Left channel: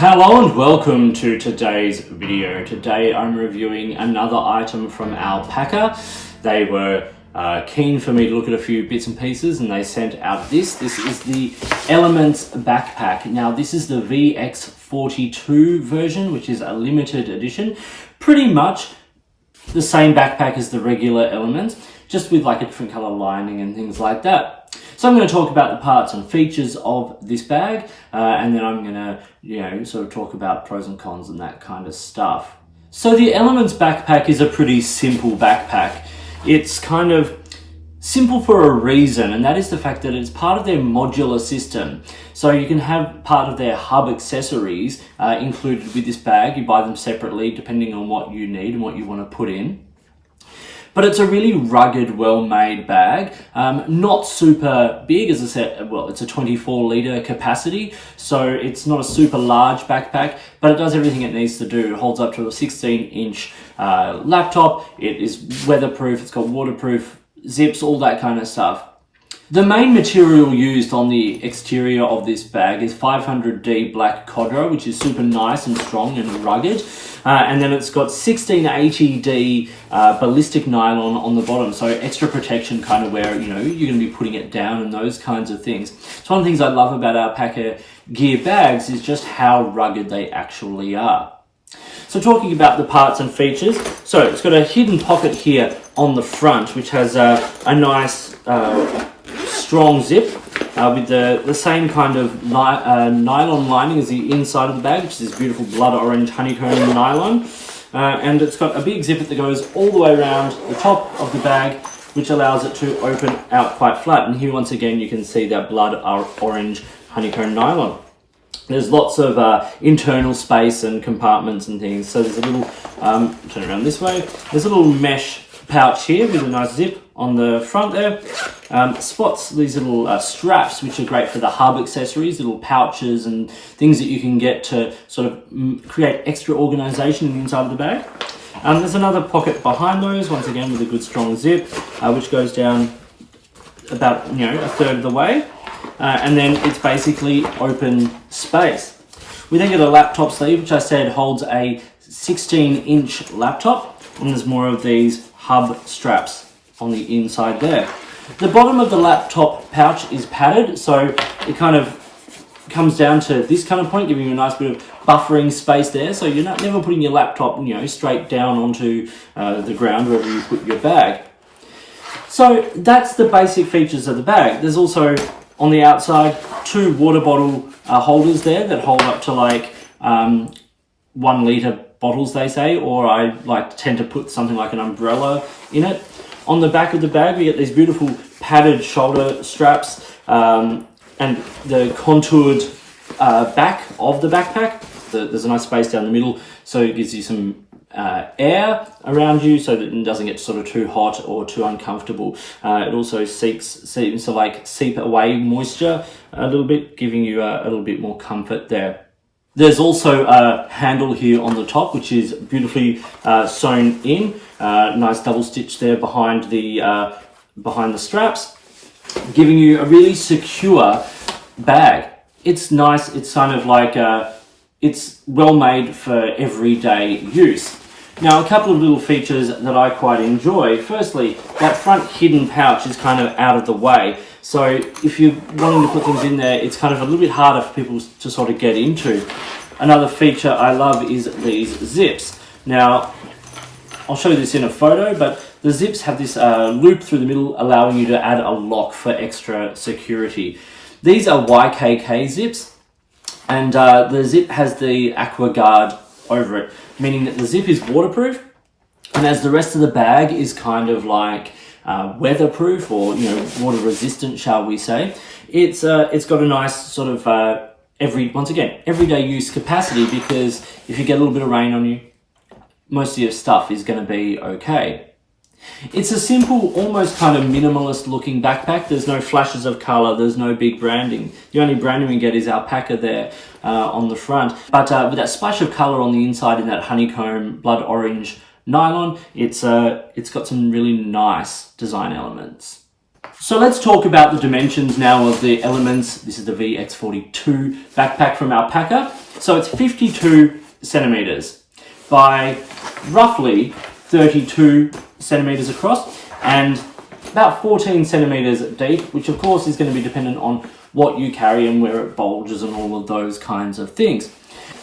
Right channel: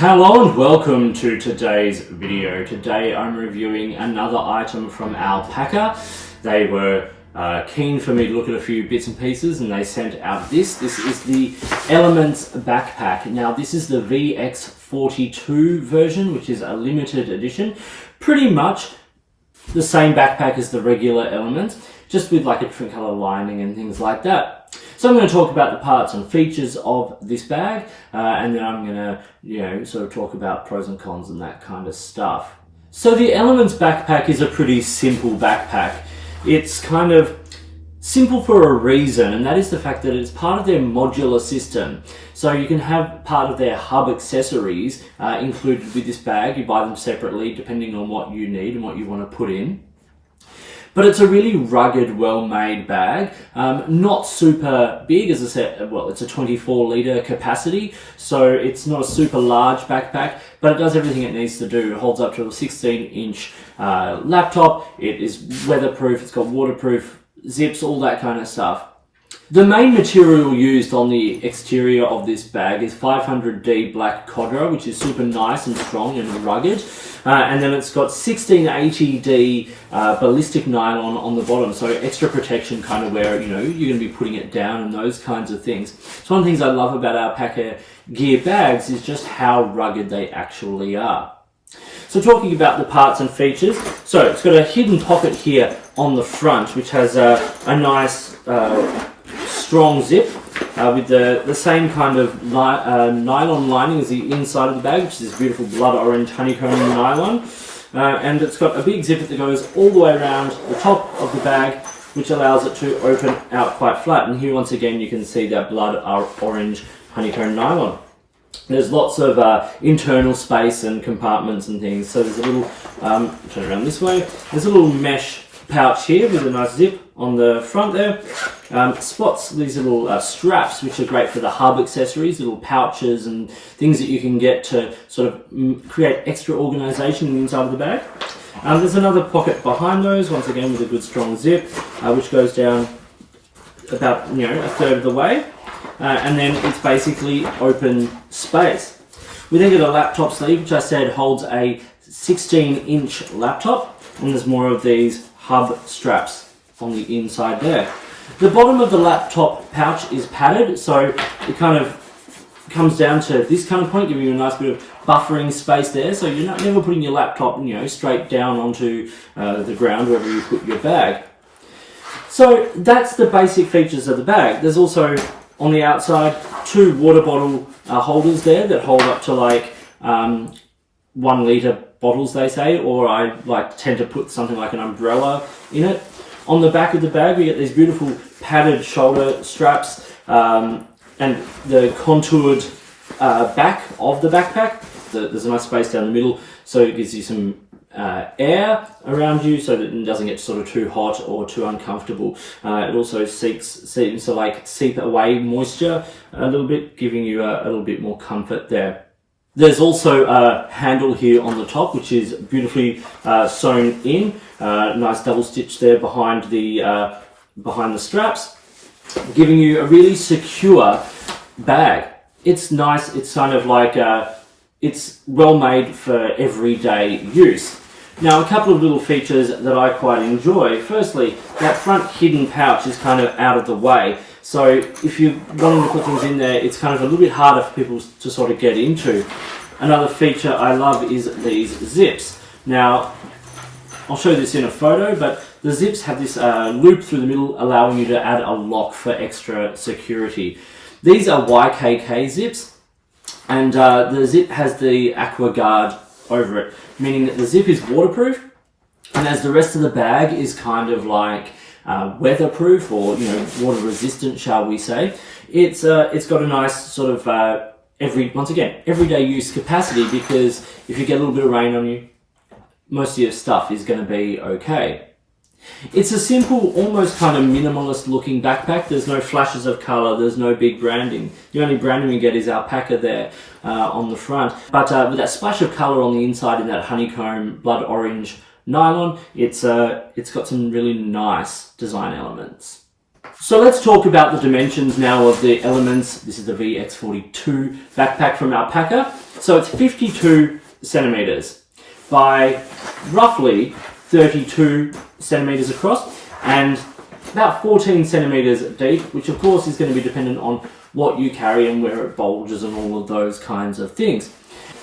Hello and welcome to today's video. Today I'm reviewing another item from Alpaka. They were keen for me to look at a few bits and pieces and they sent out this. This is the Elements Backpack. Now this is the VX42 version, which is a limited edition. Pretty much the same backpack as the regular Elements, just with like a different color lining and things like that. So I'm going to talk about the parts and features of this bag, and then I'm going to, sort of talk about pros and cons and that kind of stuff. So the Elements Backpack is a pretty simple backpack. It's kind of simple for a reason, and that is the fact that it's part of their modular system. So you can have part of their hub accessories included with this bag. You buy them separately depending on what you need and what you want to put in. But it's a really rugged, well-made bag. Not super big, as I said, well, it's a 24-litre capacity, so it's not a super large backpack, but it does everything it needs to do. It holds up to a 16-inch laptop, it is weatherproof, it's got waterproof zips, all that kind of stuff. The main material used on the exterior of this bag is 500D black Codro, which is super nice and strong and rugged. And then it's got 1680D ballistic nylon on the bottom, so extra protection kind of where, you're going to be putting it down and those kinds of things. So one of the things I love about Alpaka gear bags is just how rugged they actually are. So talking about the parts and features, so it's got a hidden pocket here on the front, which has a nice strong zip with the same kind of nylon lining as the inside of the bag, which is this beautiful blood orange honeycomb nylon. And it's got a big zipper that goes all the way around the top of the bag, which allows it to open out quite flat. And here once again you can see that blood orange honeycomb nylon. There's lots of internal space and compartments and things. So there's a little, turn around this way, there's a little mesh pouch here with a nice zip on the front there. Spots these little straps, which are great for the hub accessories, little pouches and things that you can get to sort of create extra organization in the inside of the bag. There's another pocket behind those, once again with a good strong zip, which goes down about a third of the way. And then it's basically open space. We then get a laptop sleeve, which I said holds a 16-inch laptop, and there's more of these hub straps on the inside there. The bottom of the laptop pouch is padded, so it kind of comes down to this kind of point, giving you a nice bit of buffering space there, so you're never putting your laptop, straight down onto the ground wherever you put your bag. So that's the basic features of the bag. There's also on the outside 2 water bottle holders there that hold up to like 1 litre bottles, they say, or I tend to put something like an umbrella in it. On the back of the bag we get these beautiful padded shoulder straps and the contoured back of the backpack. There's a nice space down the middle, so it gives you some air around you so that it doesn't get sort of too hot or too uncomfortable. It also seems to seep away moisture a little bit, giving you a little bit more comfort there. There's also a handle here on the top, which is beautifully sewn in. Nice double stitch there behind the straps, giving you a really secure bag. It's nice. It's kind of like it's well made for everyday use. Now, a couple of little features that I quite enjoy. Firstly, that front hidden pouch is kind of out of the way. So if you're wanting to put things in there, it's kind of a little bit harder for people to sort of get into. Another feature I love is these zips. Now, I'll show you this in a photo, but the zips have this loop through the middle, allowing you to add a lock for extra security. These are YKK zips, and the zip has the aqua guard over it, meaning that the zip is waterproof, and as the rest of the bag is kind of like weatherproof or water resistant, shall we say. It's got a nice sort of everyday use capacity, because if you get a little bit of rain on you, most of your stuff is going to be okay. It's a simple, almost kind of minimalist looking backpack. There's no flashes of color, there's no big branding. The only branding we get is Alpaka there on the front. But with that splash of color on the inside in that honeycomb blood orange nylon, it's got some really nice design elements. So let's talk about the dimensions now of the Elements. This is the VX42 backpack from Alpaka. So it's 52 centimeters by roughly 32 centimeters across and about 14 centimeters deep, which of course is going to be dependent on what you carry and where it bulges and all of those kinds of things.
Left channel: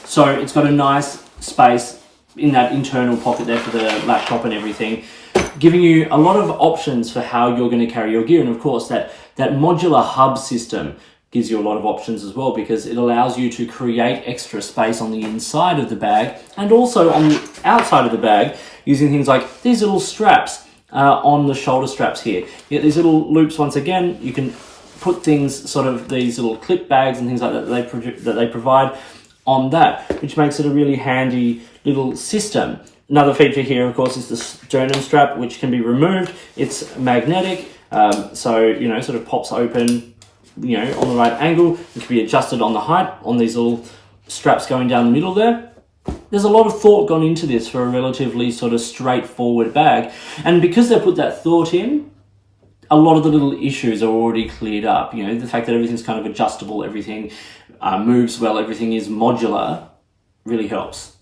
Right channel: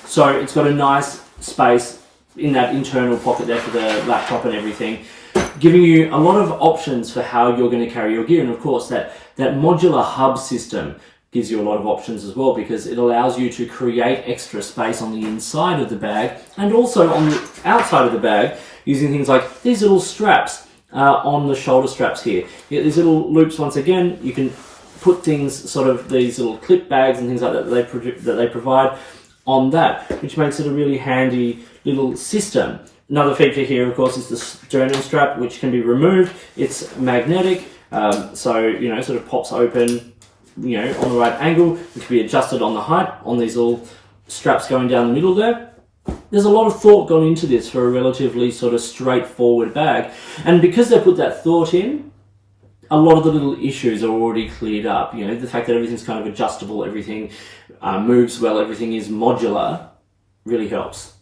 So it's got a nice space in that internal pocket there for the laptop and everything, giving you a lot of options for how you're going to carry your gear. And of course that modular hub system gives you a lot of options as well, because it allows you to create extra space on the inside of the bag and also on the outside of the bag using things like these little straps on the shoulder straps here. You get these little loops. Once again, you can put things, sort of these little clip bags and things like that that they provide on that, which makes it a really handy little system. Another feature here, of course, is the sternum strap, which can be removed. It's magnetic, so, you know, sort of pops open, you know, on the right angle. It can be adjusted on the height on these little straps going down the middle there. There's a lot of thought gone into this for a relatively sort of straightforward bag. And because they put that thought in, a lot of the little issues are already cleared up. You know, the fact that everything's kind of adjustable, everything moves well, everything is modular, really helps.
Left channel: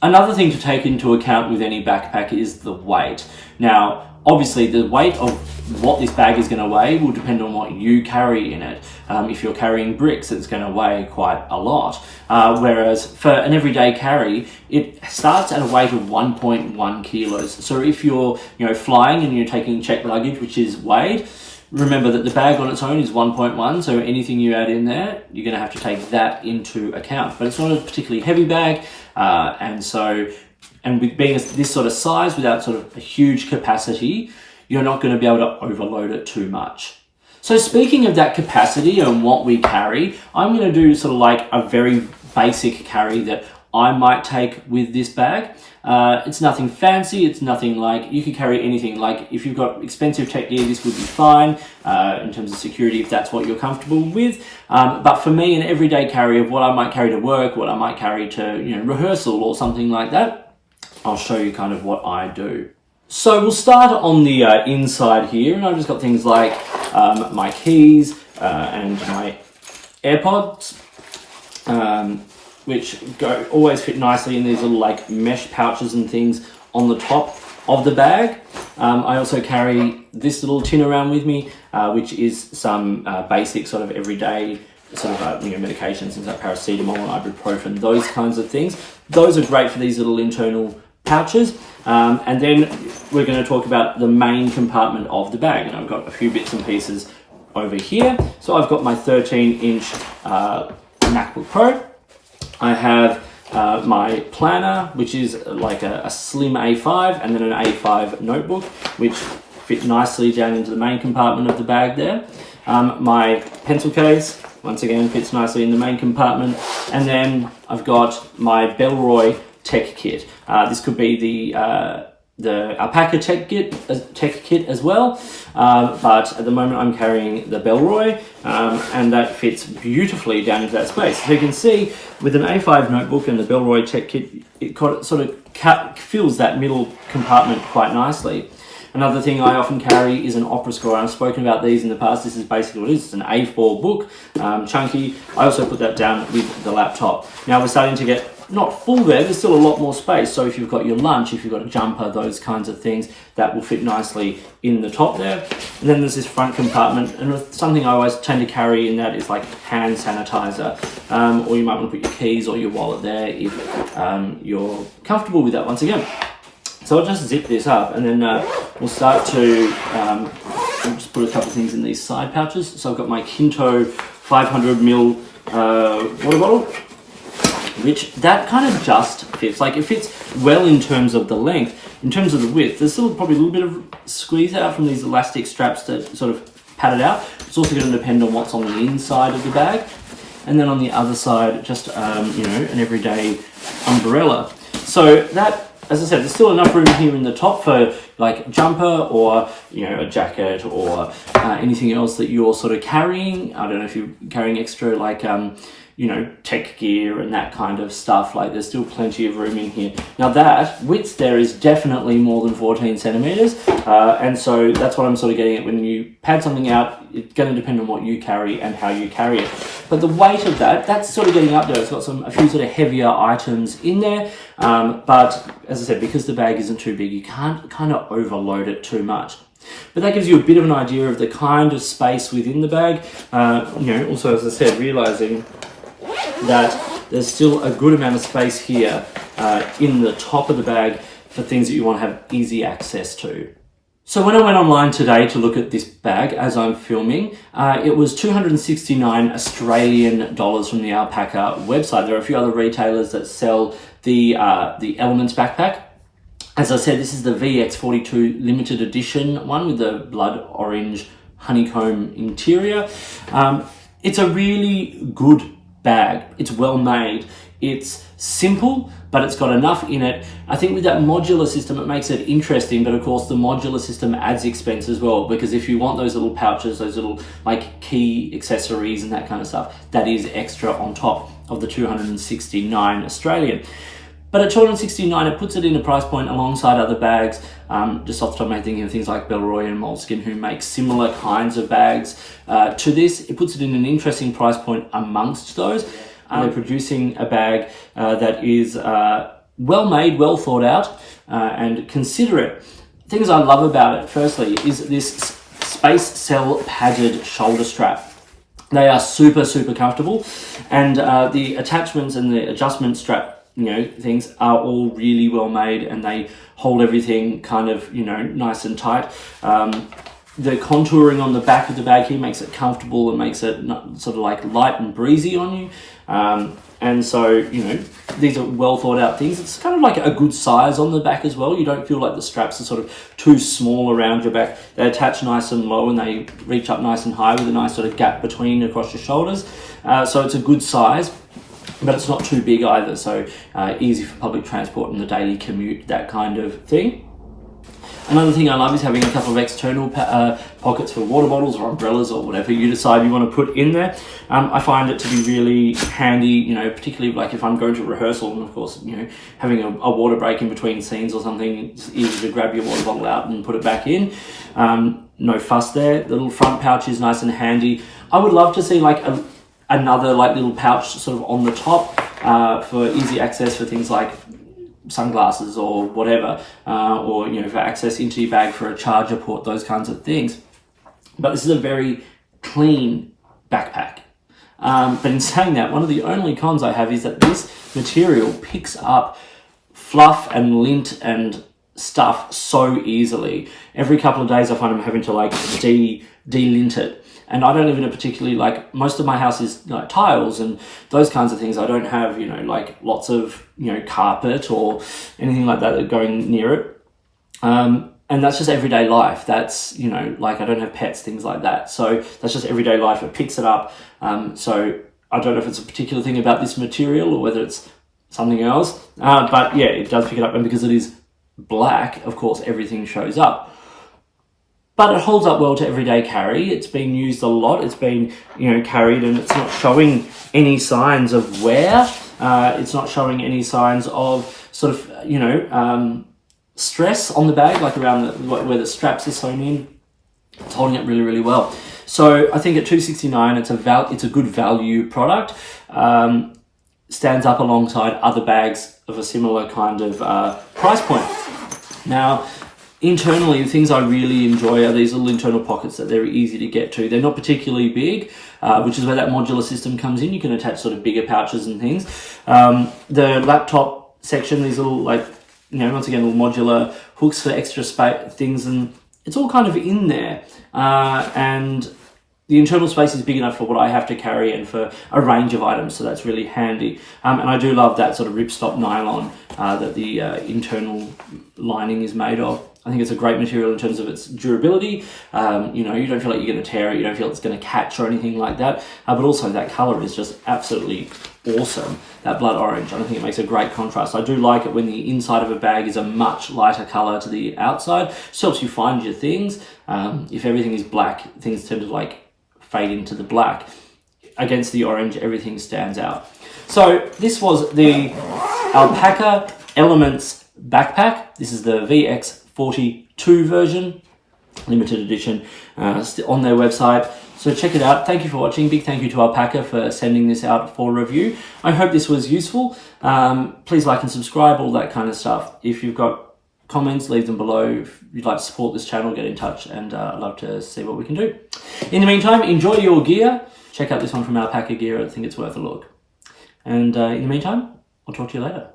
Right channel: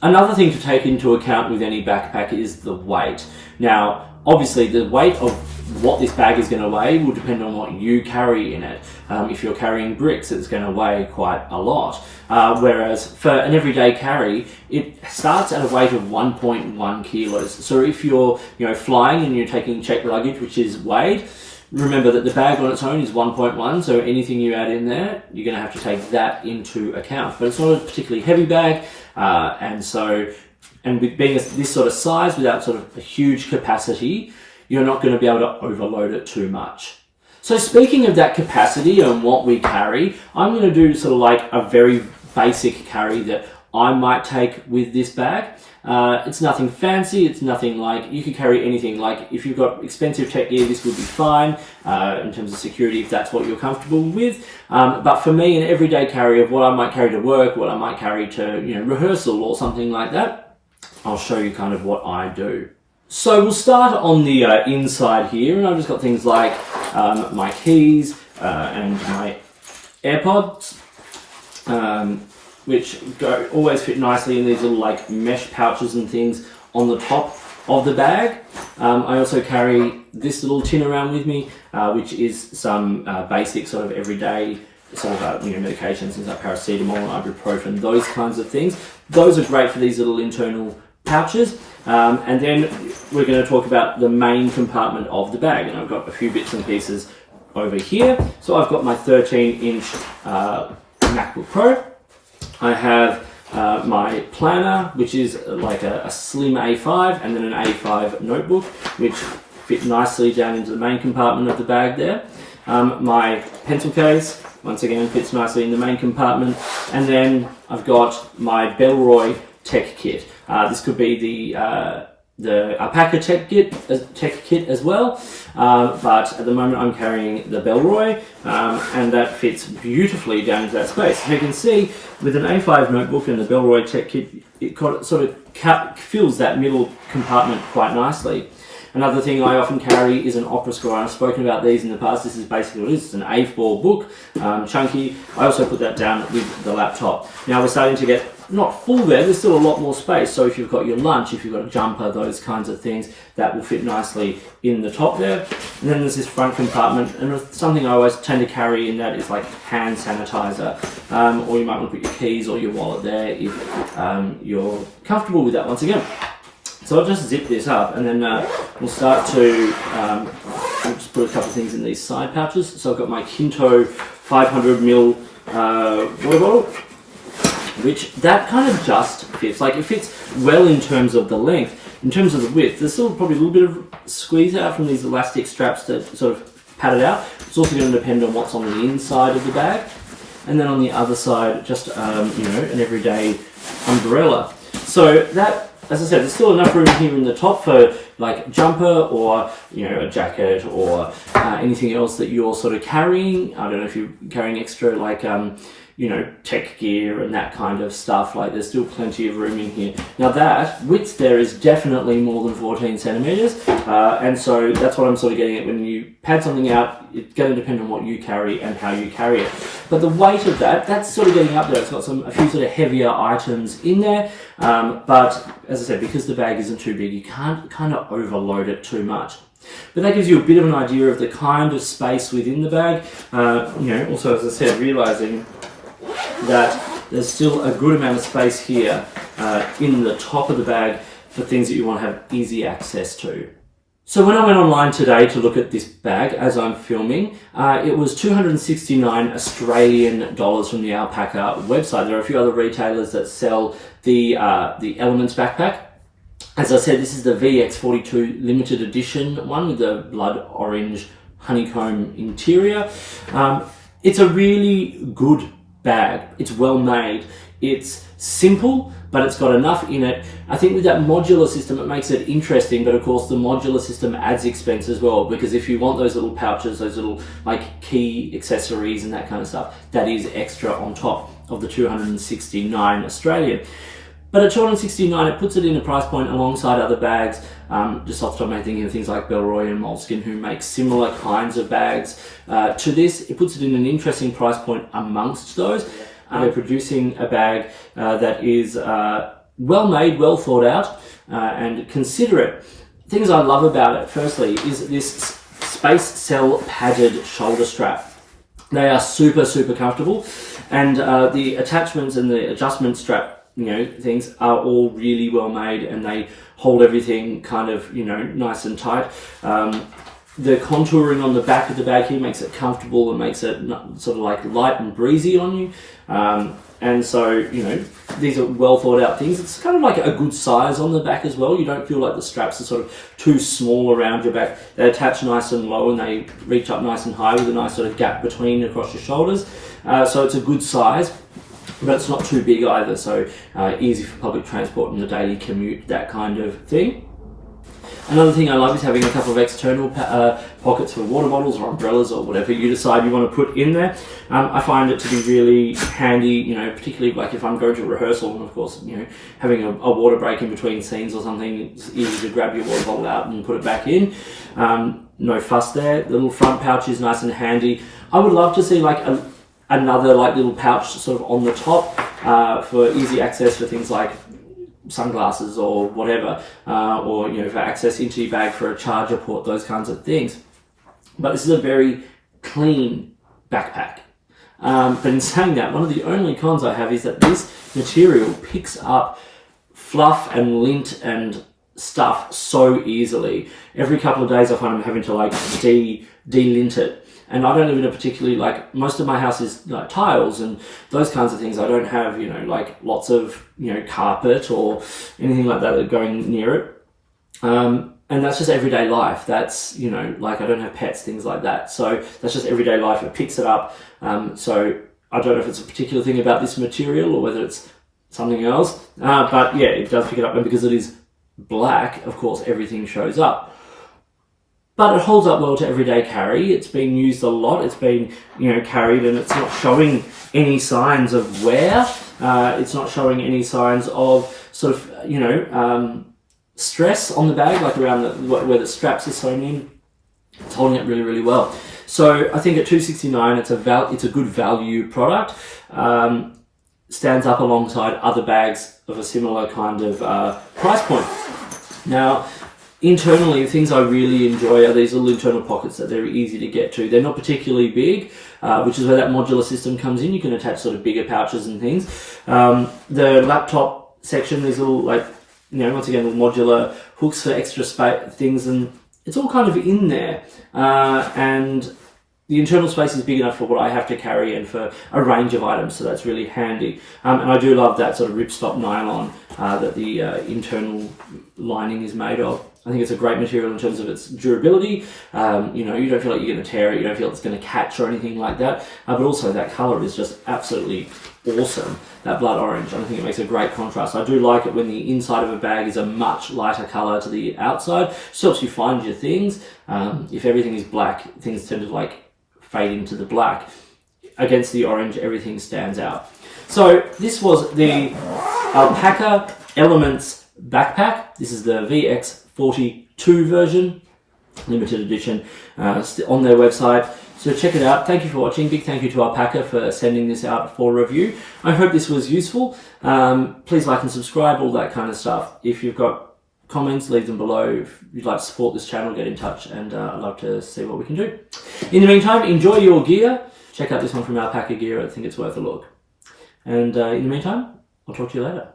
Another thing to take into account with any backpack is the weight. Now, obviously the weight of what this bag is going to weigh will depend on what you carry in it. If you're carrying bricks, it's going to weigh quite a lot. Whereas for an everyday carry, it starts at a weight of 1.1 kilos. So if you're, you know, flying and you're taking checked luggage, which is weighed, remember that the bag on its own is 1.1, so anything you add in there, you're going to have to take that into account. But it's not a particularly heavy bag, and with being this sort of size without sort of a huge capacity, you're not going to be able to overload it too much. So speaking of that capacity and what we carry, I'm going to do sort of like a very basic carry that I might take with this bag. It's nothing fancy, it's nothing like, you could carry anything. Like if you've got expensive tech gear, this would be fine in terms of security if that's what you're comfortable with. But for me, an everyday carry of what I might carry to work, what I might carry to, you know, rehearsal or something like that, I'll show you kind of what I do. So we'll start on the inside here, and I've just got things like my keys and my AirPods, which always fit nicely in these little like mesh pouches and things on the top of the bag. I also carry this little tin around with me, which is some basic sort of everyday sort of you know, medications, things like paracetamol, ibuprofen, those kinds of things. Those are great for these little internal pouches. And then we're going to talk about the main compartment of the bag, and I've got a few bits and pieces over here. So I've got my 13-inch MacBook Pro. I have my planner, which is like a slim A5, and then an A5 notebook, which fit nicely down into the main compartment of the bag there. My pencil case, once again, fits nicely in the main compartment. And then I've got my Bellroy tech kit. This could be the Alpaka tech kit as well, but at the moment I'm carrying the Bellroy, and that fits beautifully down into that space. So you can see with an A5 notebook and the Bellroy tech kit, it sort of fills that middle compartment quite nicely. Another thing I often carry is an opera score. I've spoken about these in the past. This is basically what it is. It's an A4 book, chunky. I also put that down with the laptop. Now we're starting to get not full there. There's still a lot more space. So if you've got your lunch, if you've got a jumper, those kinds of things, that will fit nicely in the top there. And then there's this front compartment. And something I always tend to carry in that is like hand sanitizer. Or you might want to put your keys or your wallet there if you're comfortable with that once again. So I'll just zip this up, and then we'll start to, I'll just put a couple of things in these side pouches. So I've got my Kinto 500ml water bottle, which that kind of just fits. Like it fits well in terms of the length. In terms of the width, there's still probably a little bit of squeeze out from these elastic straps to sort of pad it out. It's also going to depend on what's on the inside of the bag. And then on the other side, just, you know, an everyday umbrella. So that, as I said, there's still enough room here in the top for like jumper or, you know, a jacket or anything else that you're sort of carrying. I don't know if you're carrying extra like, you know, tech gear and that kind of stuff. Like there's still plenty of room in here. Now that width there is definitely more than 14 centimeters. And so that's what I'm sort of getting at. When you pad something out, it's going to depend on what you carry and how you carry it. But the weight of that's sort of getting up there. It's got a few sort of heavier items in there. But as I said, because the bag isn't too big, you can't kind of overload it too much. But that gives you a bit of an idea of the kind of space within the bag. You know, also, as I said, realizing that there's still a good amount of space here in the top of the bag for things that you want to have easy access to. So when I went online today to look at this bag as I'm filming, it was 269 Australian dollars from the Alpaka website. There are a few other retailers that sell the Elements Backpack. As I said, this is the VX42 limited edition one with the blood orange honeycomb interior. It's a really good bag. It's well made. It's simple, but it's got enough in it. I think with that modular system, it makes it interesting, but of course the modular system adds expense as well, because if you want those little pouches, those little like key accessories and that kind of stuff, that is extra on top of the 269 Australian. But at 269, it puts it in a price point alongside other bags. Just off the top of my head, thinking of things like Bellroy and Moleskine, who make similar kinds of bags to this. It puts it in an interesting price point amongst those. They're producing a bag that is well made, well thought out, and considerate. Things I love about it, firstly, is this Space Cell padded shoulder strap. They are super, super comfortable, and the attachments and the adjustment strap, you know, things are all really well made, and they hold everything kind of, you know, nice and tight. The contouring on the back of the bag here makes it comfortable and makes it sort of like light and breezy on you. And so, you know, these are well thought out things. It's kind of like a good size on the back as well. You don't feel like the straps are sort of too small around your back. They attach nice and low and they reach up nice and high with a nice sort of gap between across your shoulders. So it's a good size, but it's not too big either. So easy for public transport and the daily commute, that kind of thing. Another thing I love is having a couple of external pockets for water bottles or umbrellas or whatever you decide you want to put in there. I find it to be really handy, you know, particularly like if I'm going to rehearsal, and of course, you know, having a water break in between scenes or something, it's easy to grab your water bottle out and put it back in. No fuss there. The little front pouch is nice and handy. I would love to see like another like little pouch sort of on the top for easy access for things like sunglasses or whatever, or, you know, for access into your bag for a charger port, those kinds of things. But this is a very clean backpack. But in saying that, one of the only cons I have is that this material picks up fluff and lint and stuff so easily. Every couple of days I find I'm having to like de-lint it. And I don't live in a particularly, like, most of my house is like tiles and those kinds of things. I don't have, you know, like lots of, you know, carpet or anything like that going near it. And that's just everyday life. That's, you know, like I don't have pets, things like that. So that's just everyday life. It picks it up. So I don't know if it's a particular thing about this material or whether it's something else. But yeah, it does pick it up. And because it is black, of course, everything shows up. But it holds up well to everyday carry. It's been used a lot. It's been, you know, carried, and it's not showing any signs of wear. It's not showing any signs of sort of, you know, stress on the bag, like around where the straps are sewn in. It's holding it really, really well. So I think at $269, it's a good value product. Stands up alongside other bags of a similar kind of price point. Now, internally, the things I really enjoy are these little internal pockets that they're easy to get to. They're not particularly big, which is where that modular system comes in. You can attach sort of bigger pouches and things. The laptop section, these little, like, you know, once again, little modular hooks for extra space things, and it's all kind of in there. And the internal space is big enough for what I have to carry and for a range of items, so that's really handy. And I do love that sort of ripstop nylon that the internal lining is made of. I think it's a great material in terms of its durability. You know, you don't feel like you're going to tear it, you don't feel it's going to catch or anything like that. But also that colour is just absolutely awesome, that blood orange. I think it makes a great contrast. I do like it when the inside of a bag is a much lighter colour to the outside. Just helps you find your things. If everything is black, things tend to like fade into the black. against the orange, everything stands out. So this was the Alpaka Elements Backpack. This is the VX42 version, limited edition, on their website. So check it out. Thank you for watching. Big thank you to Alpaka for sending this out for review. I hope this was useful. Please like and subscribe, all that kind of stuff. If you've got comments, leave them below. If you'd like to support this channel, get in touch, and I'd love to see what we can do. In the meantime, enjoy your gear. Check out this one from Alpaka Gear. I think it's worth a look. And in the meantime, I'll talk to you later.